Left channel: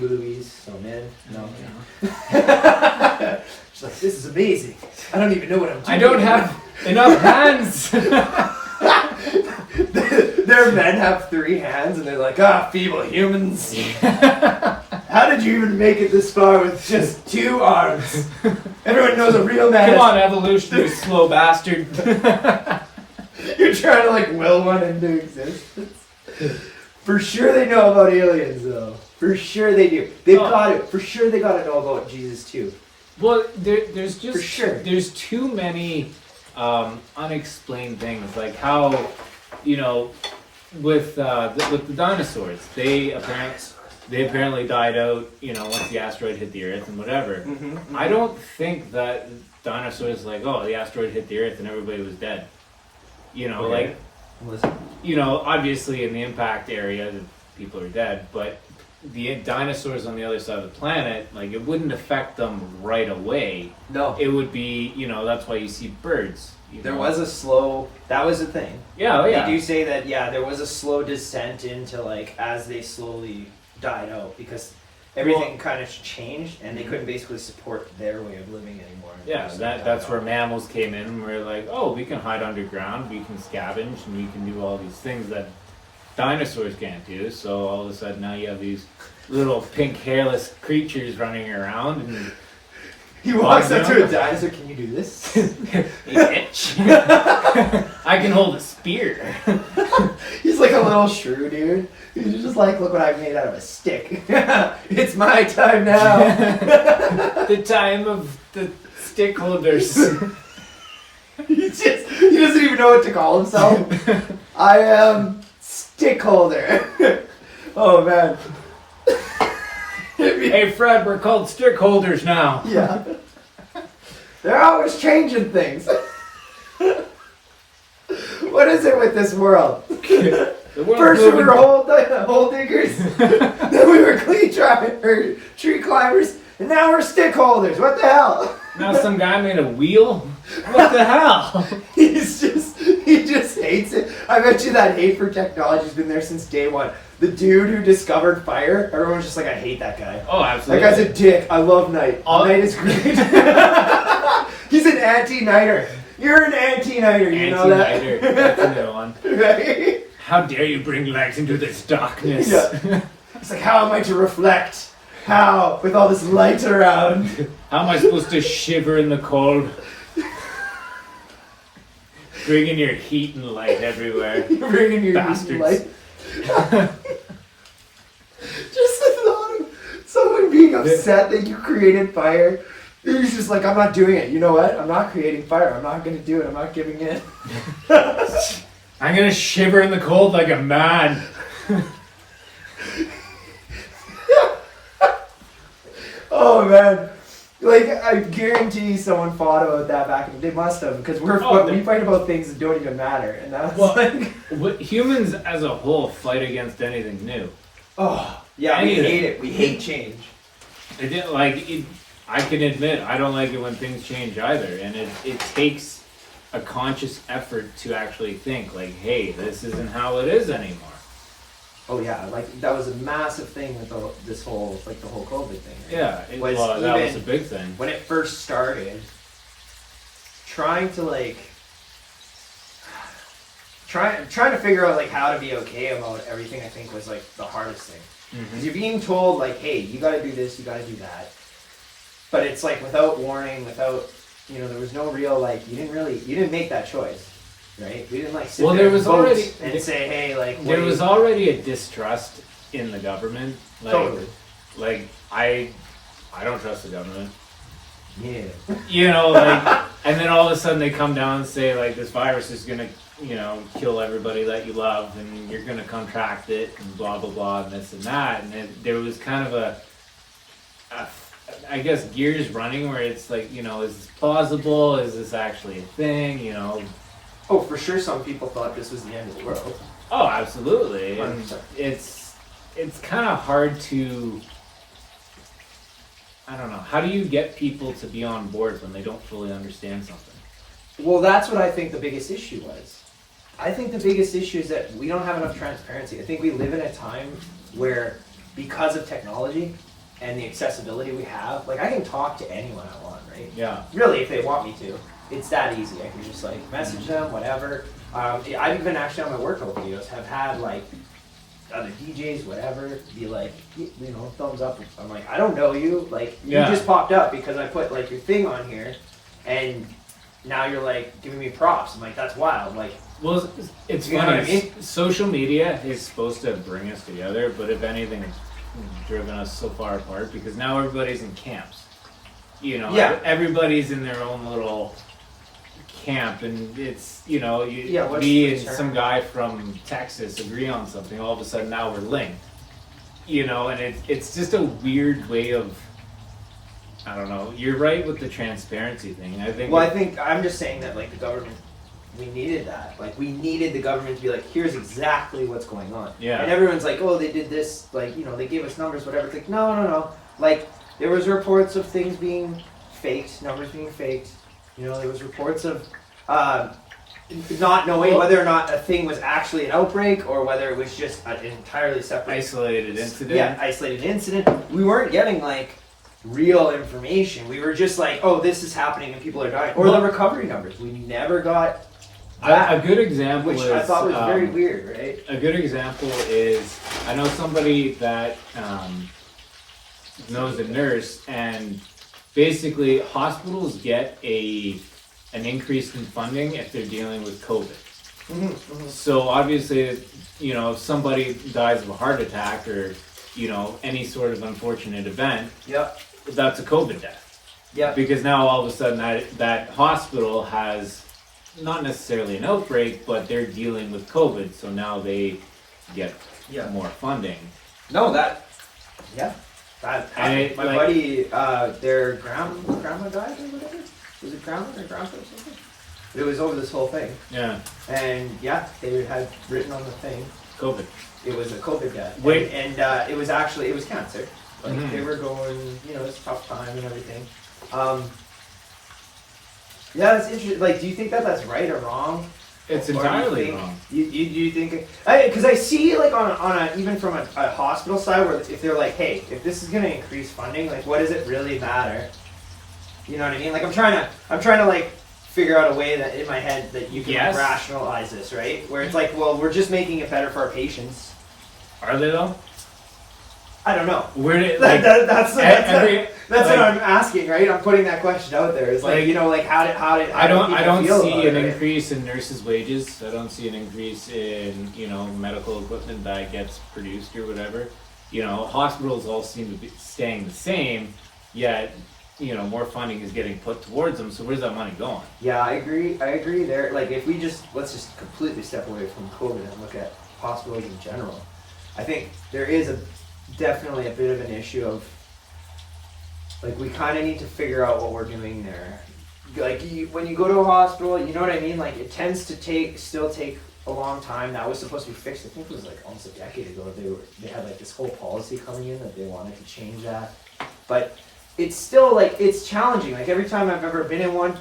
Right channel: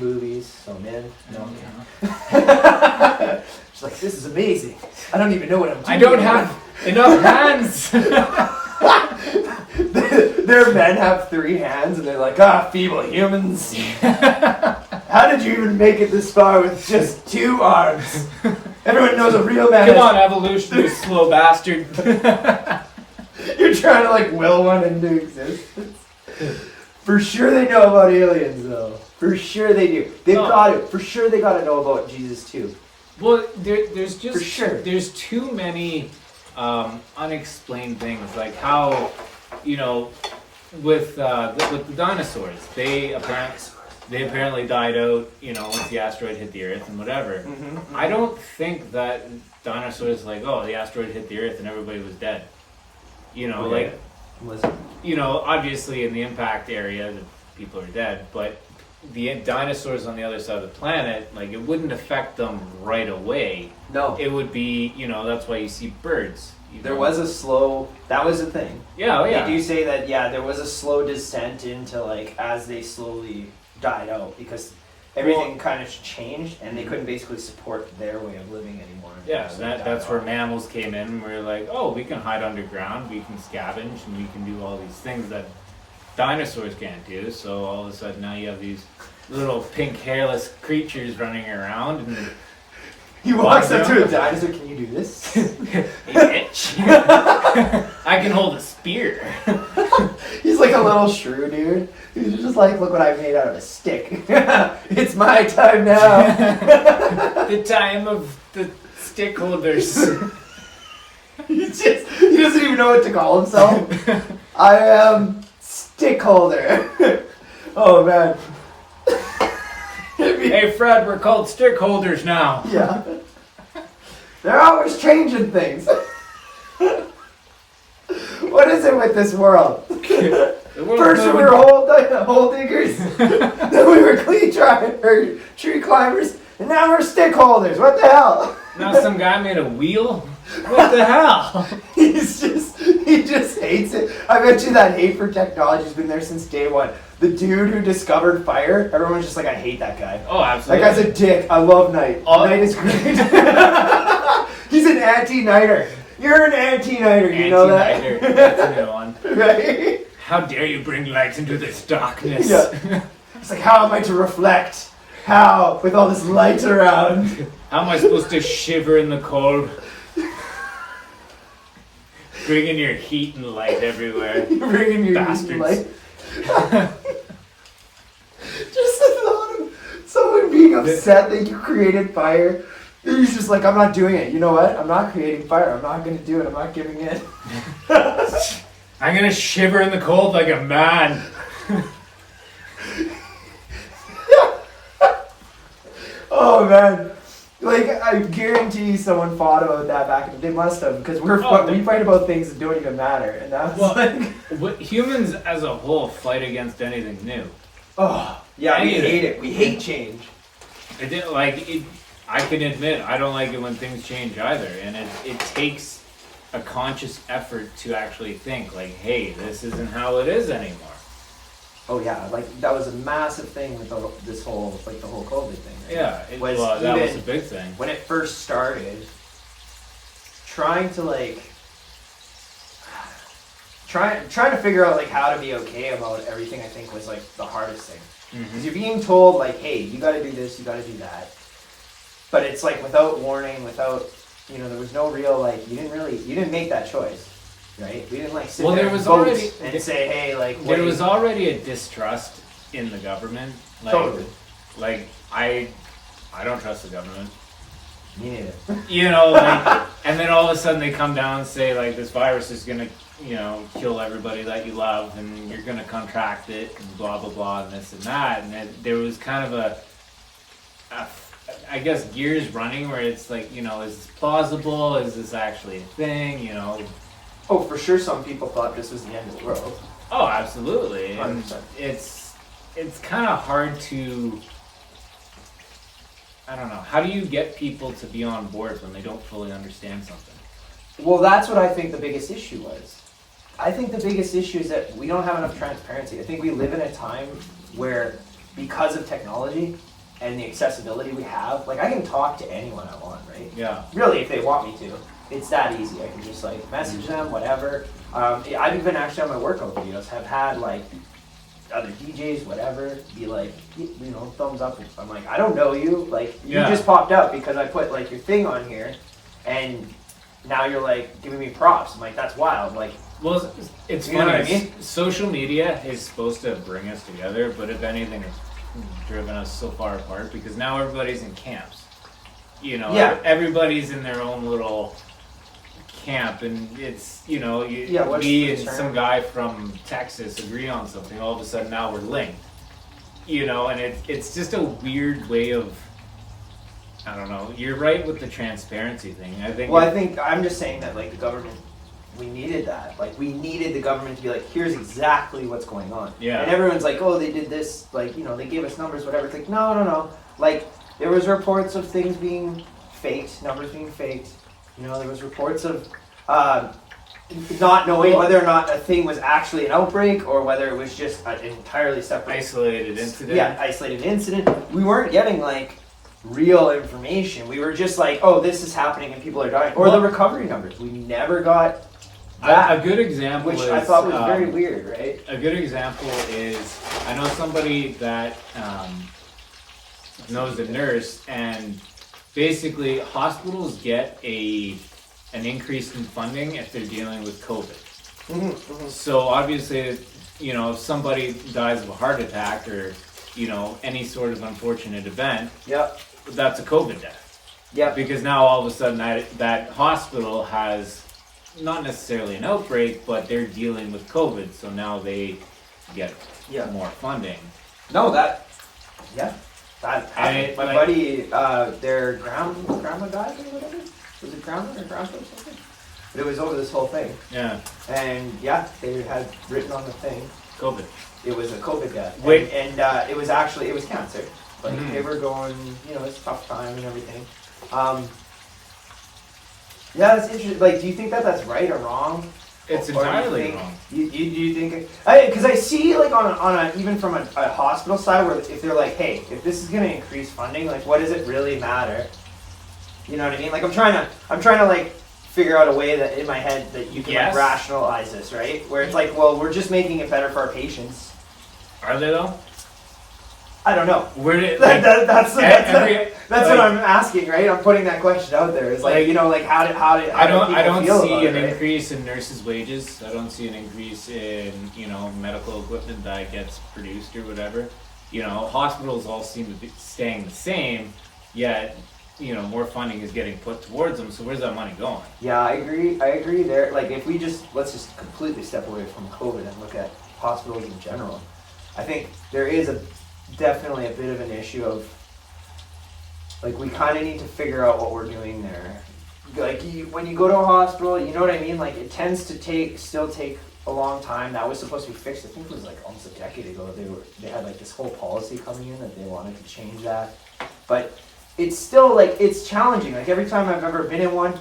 movies, so I'm in. No. Yeah. She's like, this is amazing. I don't even know what I'm doing. I don't have enough hands. Their men have 3 hands, and they're like, feeble humans. How did you even make it this far with just 2 arms? Everyone knows a real man. Come on, evolution, you slow bastard. You're trying to like will one into existence. For sure they know about aliens, though. For sure they do. They've got to. For sure they got to know about Jesus too. Well, there's just for sure. There's too many unexplained things, like how, you know, with the dinosaurs, they apparently died out, you know, once the asteroid hit the Earth and whatever. Mm-hmm. I don't think that dinosaurs like, oh, the asteroid hit the Earth and everybody was dead. You know, okay. You know, obviously in the impact area, the people are dead, but the dinosaurs on the other side of the planet, like, it wouldn't affect them right away. No. It would be, you know, that's why you see birds. There was a slow, that was the thing. Yeah, yeah. They do say that, there was a slow descent into, like, as they slowly died out, because everything kind of changed, and they couldn't basically support their way of living anymore. Yeah, that's where mammals came in, and we're like, oh, we can hide underground, we can scavenge, and we can do all these things that dinosaurs can't do. So all of a sudden now you have these little pink hairless creatures running around, and he walks up to a dinosaur. Can you do this? Hey, bitch. I can hold a spear. He's like a little shrew dude. He's just like, look what I made out of a stick. It's my time now. The time of the stick holders. He doesn't even know what to call himself. I am stick holder. Oh man. Hey Fred, we're called stick holders now. Yeah. They're always changing things. What is it with this world? First we were hole diggers, then we were tree climbers, and now we're stick holders. What the hell? Now some guy made a wheel? What the hell? He just hates it. I bet you that hate for technology's been there since day one. The dude who discovered fire, everyone's just like, I hate that guy. Oh, absolutely. That guy's a dick. I love Night. Night is great. He's an anti-nighter. You're an anti-nighter, you know that? Anti-nighter. That's a new one. Right? How dare you bring light into this darkness? Yeah. It's like, how am I to reflect? How? With all this light around. How am I supposed to shiver in the cold? Bringing your heat and light everywhere. You're bringing your bastards. heat and light. Just the thought of someone being upset that you created fire. He's just like, I'm not doing it. You know what? I'm not creating fire. I'm not going to do it. I'm not giving in. I'm going to shiver in the cold like a man. Oh, man. Like, I guarantee you someone fought about that back in the day. They must have, because we fight about things that don't even matter. And that's humans as a whole fight against anything new. Oh, yeah, we hate it. We hate change. I can admit, I don't like it when things change either. And it takes a conscious effort to actually think, like, hey, this isn't how it is anymore. Oh yeah, like that was a massive thing with this whole, like the whole COVID thing, right? Yeah, that was a big thing. When it first started, trying to figure out like how to be okay about everything, I think was like the hardest thing. Because you're being told like, hey, you gotta do this, you gotta do that. But it's like without warning, without, there was no real, like, you didn't make that choice. Right? We didn't sit there there was already and say, hey, like... There was already a distrust in the government. Like, totally. Like, I don't trust the government. Yeah. And then all of a sudden they come down and say, like, this virus is going to, kill everybody that you love, and you're going to contract it, and blah, blah, blah, and this and that. And there was kind of I guess, gears running where it's like, is this plausible? Is this actually a thing? Oh, for sure some people thought this was the end of the world. Oh, absolutely. 100%. And it's kind of hard to, I don't know, how do you get people to be on board when they don't fully understand something? Well, that's what I think the biggest issue was. I think the biggest issue is that we don't have enough transparency. I think we live in a time where, because of technology, and the accessibility we have, like I can talk to anyone I want, right? Yeah. Really, if they want me to, it's that easy. I can just like message them, whatever. I've even actually on my workout videos have had like other DJs, whatever, be like, you know, thumbs up. I'm like, I don't know you. Like, you just popped up because I put like your thing on here, and now you're like giving me props. I'm like, that's wild. Like, well, it's you funny. know what I mean? Social media is supposed to bring us together, but if anything, it's driven us so far apart because now everybody's in camps. You know, everybody's in their own little camp, and it's, you know, me and some guy from Texas agree on something, all of a sudden now we're linked, you know, and it's just a weird way of, I don't know. You're right with the transparency thing. I think. Well, I think I'm just saying that like the government, we needed that. Like we needed the government to be like, here's exactly what's going on. Yeah. And everyone's like, oh, they did this. Like, you know, they gave us numbers, whatever. It's like, no. Like there was reports of things being faked, numbers being faked. You know, there was reports of not knowing whether or not a thing was actually an outbreak or whether it was just an entirely separate isolated incident. Yeah, isolated incident. We weren't getting like real information. We were just like, oh, this is happening and people are dying. Or the recovery numbers. We never got that. A good example which is, I thought was very weird, right? A good example is, I know somebody that knows a nurse, and basically hospitals get an increase in funding if they're dealing with COVID. So obviously, you know, if somebody dies of a heart attack or, you know, any sort of unfortunate event, that's a COVID death. Yeah. Because now all of a sudden that hospital has not necessarily an outbreak, but they're dealing with COVID, so now they get more funding. No, that happened. My buddy, their grandma died or whatever. Was it grandma or grandpa or something? But it was over this whole thing. Yeah. And they had written on the thing, COVID. It was a COVID death. Wait. And it was cancer. Like they were going, you know, it's a tough time and everything. That's interesting. Like, do you think that that's right or wrong? It's entirely wrong. You think? Because I see like on a even from a hospital side where if they're like, hey, if this is going to increase funding, like, what does it really matter? You know what I mean? Like, I'm trying to like figure out a way that in my head that you can like, rationalize this, right? Where it's like, well, we're just making it better for our patients. Are they though? I don't know. That's what I'm asking, right? I'm putting that question out there. It's like, you know, like how I don't see an increase in nurses' wages. I don't see an increase in, you know, medical equipment that gets produced or whatever. You know, hospitals all seem to be staying the same, yet, you know, more funding is getting put towards them. So where's that money going? Yeah, I agree there. Like, if let's just completely step away from COVID and look at hospitals in general. I think there is definitely a bit of an issue of, like, we kind of need to figure out what we're doing there. Like, when you go to a hospital, you know what I mean? Like, it tends to still take a long time. That was supposed to be fixed. I think it was like almost a decade ago. They had like this whole policy coming in that they wanted to change that, but it's still like it's challenging. Like every time I've ever been in one,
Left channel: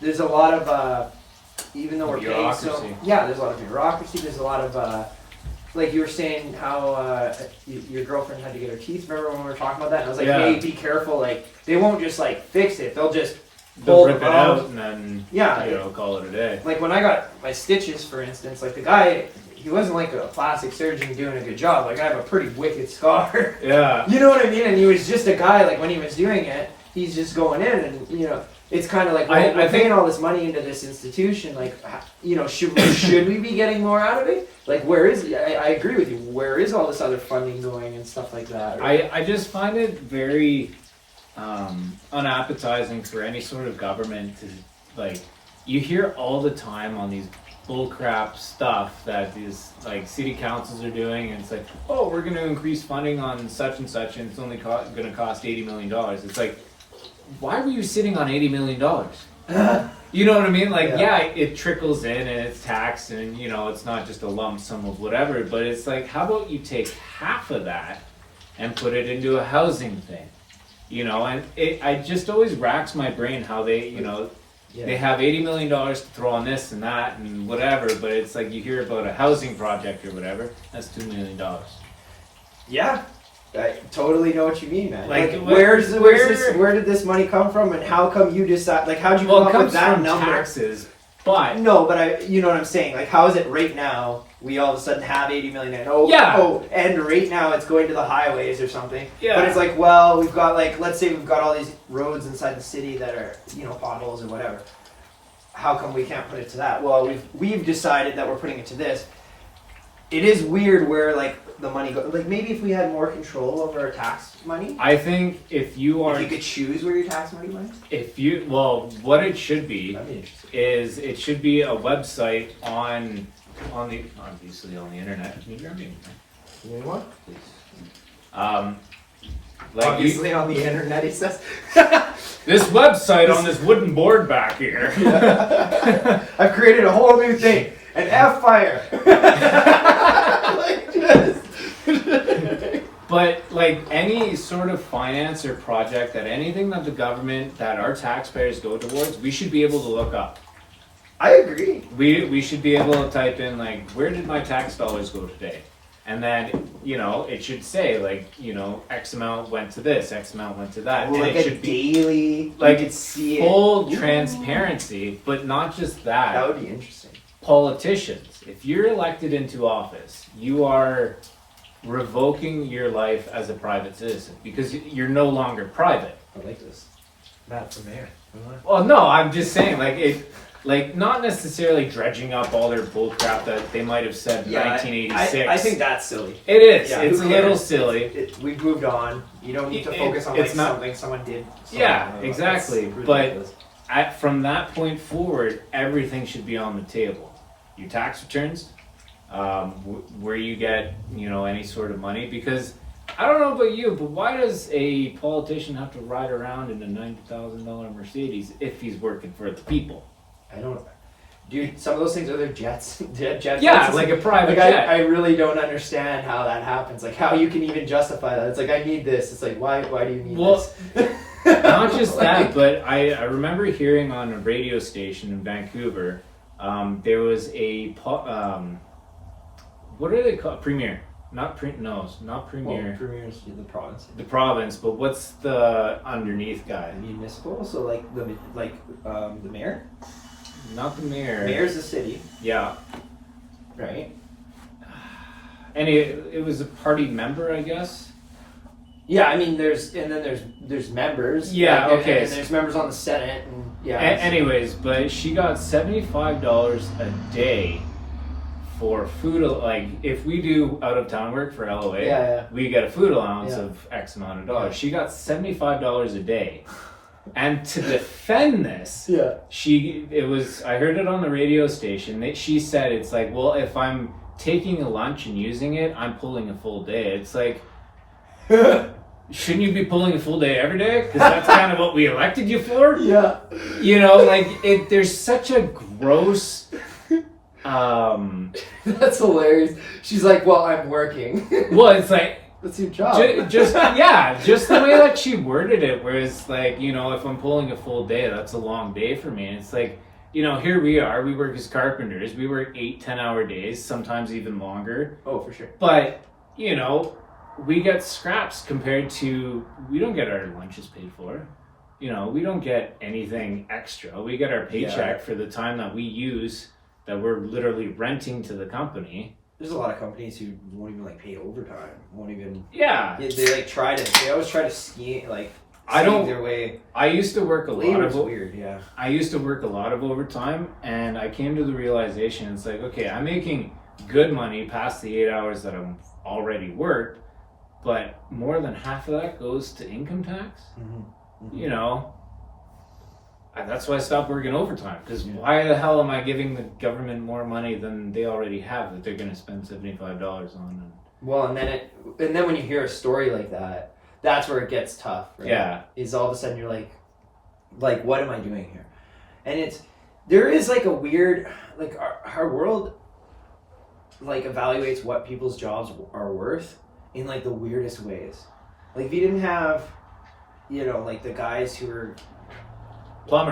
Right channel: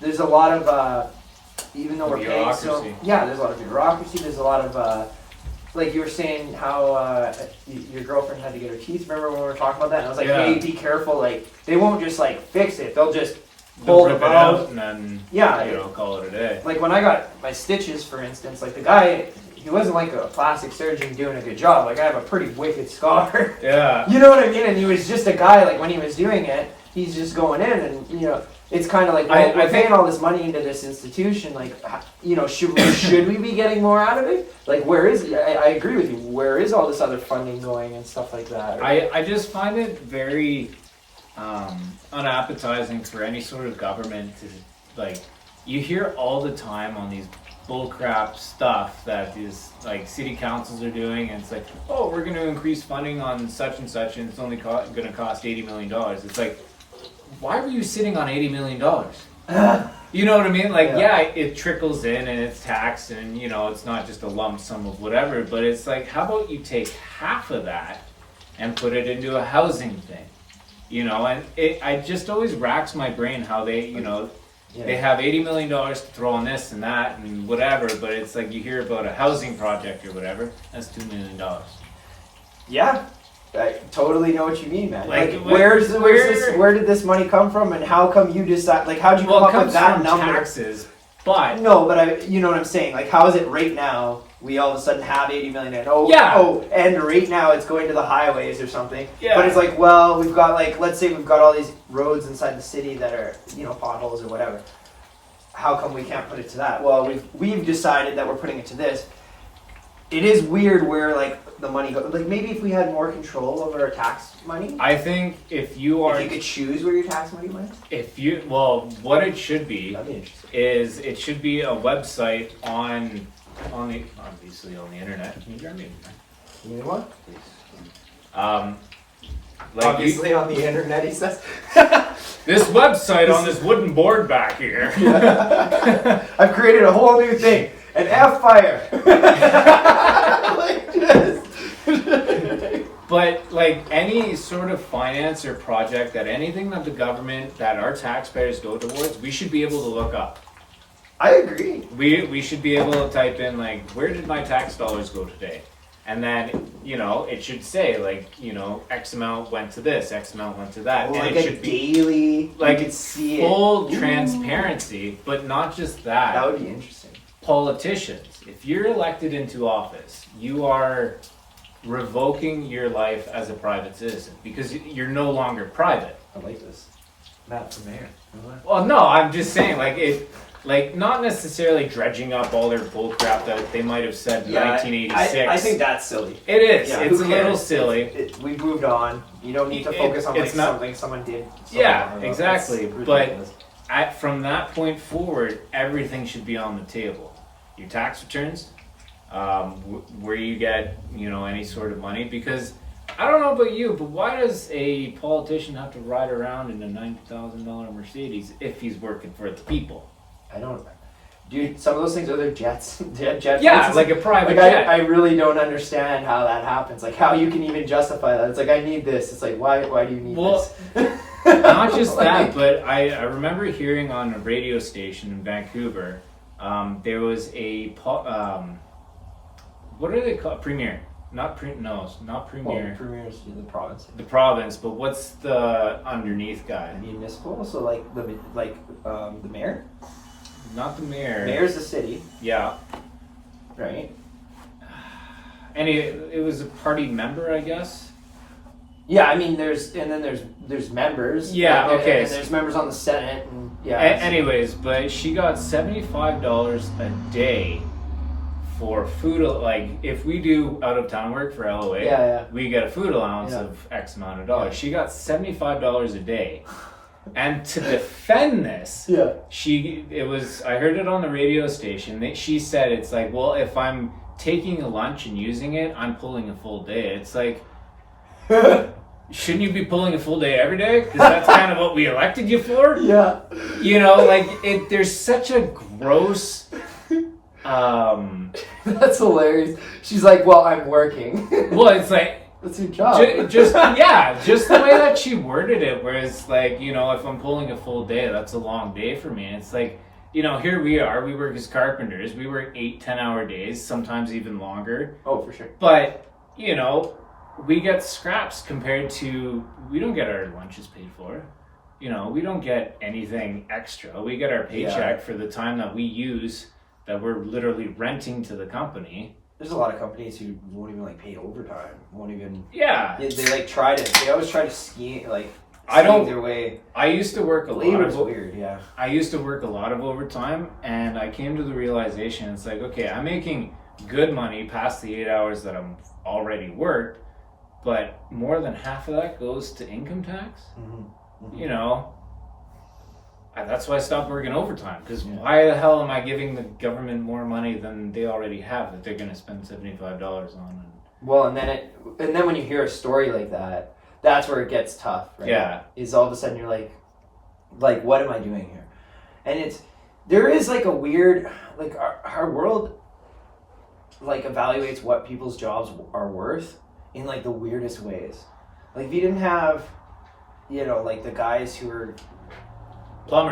there's a lot of even though we're paying so there's a lot of bureaucracy. There's a lot of like you were saying how your girlfriend had to get her teeth. Remember when we were talking about that? And I was like, hey, be careful. Like they won't just like fix it. They'll rip it out and then call it a day. Like when I got my stitches, for instance, like the guy, he wasn't like a plastic surgeon doing a good job. Like I have a pretty wicked scar. Yeah. You know what I mean? And he was just a guy, like when he was doing it, he's just going in and, you know, it's kind of like, well, we're paying all this money into this institution. Like, you know, should we be getting more out of it? Like, where is it? I agree with you. Where is all this other funding going and stuff like that? Right? I just find it very unappetizing for any sort of government to, like, you hear all the time on these bullcrap stuff that these like city councils are doing, and it's like, oh, we're going to increase funding on such and such, and it's only going to cost $80 million. It's like, why were you sitting on $80 million? You know what I mean? Like, it trickles in and it's taxed, and you know, it's not just a lump sum of whatever, but it's like, how about you take half of that and put it into a housing thing? You know, and I just always racks my brain how they, you know, they have $80 million to throw on this and that and whatever, but it's like you hear about a housing project or whatever, that's $2 million. Yeah. I totally know what you mean, man. Like, where did this money come from, and how come you decide? Like, how'd you come up with that number? Taxes, but no, but you know what I'm saying. Like, how is it right now? We all of a sudden have 80 million, and and right now it's going to the highways or something. Yeah. But it's like, well, we've got let's say we've got all these roads inside the city that are potholes or whatever. How come we can't put it to that? Well, we've decided that we're putting it to this. It is weird where the money goes. Like, maybe if we had more control over our tax money. I think if you could choose where your tax money went. What it should be That'd be interesting. is it should be a website on the obviously on the internet. Can you grab me? You mean what? Please. Obviously on the internet, he says. This website on this wooden board back here. Yeah. I've created a whole new thing. An F-fire. But any sort of finance or project anything that the government, that our taxpayers go towards, we should be able to look up. I agree. We should be able to type in where did my tax dollars go today? And then, it should say X amount went to this, X amount went to that. Well, and it should be daily, you could see full transparency, but not just that. That would be interesting. Politicians, if you're elected into office, you are revoking your life as a private citizen because you're no longer private. I like this. Matt for mayor. Well, no, I'm just saying, not necessarily dredging up all their bullcrap that they might have said in 1986. I think that's silly. It is. Yeah, it's a little silly. We've moved on. You don't need to focus on something someone did. Yeah, exactly. But from that point forward, everything should be on the table. Your tax returns, where you get any sort of money, because I don't know about you, but why does a politician have to ride around in a $90,000 Mercedes if he's working for the people? I don't, dude. Some of those things are their jets. Jet yeah, places. like a private jet. I really don't understand how that happens. Like, how you can even justify that. It's like, I need this. It's like, why do you need this? Not just that, but I remember hearing on a radio station in Vancouver. There was a what are they called? Premier, not Premier. Well, Premier is the province. The province, but what's the underneath guy? Municipal, so the mayor. Not the mayor. Mayor's the city. Yeah. Right. And it was a party member, I guess. Yeah, I mean, there's members. Yeah, okay. And there's members on the Senate. And, anyways, but she got $75 a day for food. If we do out of town work for LOA, we get a food allowance of X amount of dollars. She got $75 a day. And to defend this, I heard it on the radio station. She said it's well, if I'm taking a lunch and using it, I'm pulling a full day. It's like, shouldn't you be pulling a full day every day? Because that's kind of what we elected you for. Yeah. There's such a gross. That's hilarious. She's like, well, I'm working. Well, it's like, that's your job. Just the way that she worded it, where it's if I'm pulling a full day, that's a long day for me. And it's here we are. We work as carpenters. We work 8-10-hour days, sometimes even longer. Oh, for sure. But we get scraps compared to, we don't get our lunches paid for. We don't get anything extra. We get our paycheck for the time that we use, that we're literally renting to the company. There's a lot of companies who won't even pay overtime. Won't even. Yeah. They always try to scheme their way. I used to work a lot of weird, yeah. I used to work a lot of overtime, and I came to the realization, it's okay, I'm making good money past the 8 hours that I'm already worked, but more than half of that goes to income tax. Mm-hmm. Mm-hmm. That's why I stopped working overtime, because why the hell am I giving the government more money than they already have that they're going to spend $75 on? Well, and then when you hear a story like that, that's where it gets tough, right? Yeah. Is all of a sudden you're like, what am I doing here? And there is a weird, our world evaluates what people's jobs are worth in the weirdest ways. If you didn't have, the guys who are plumber.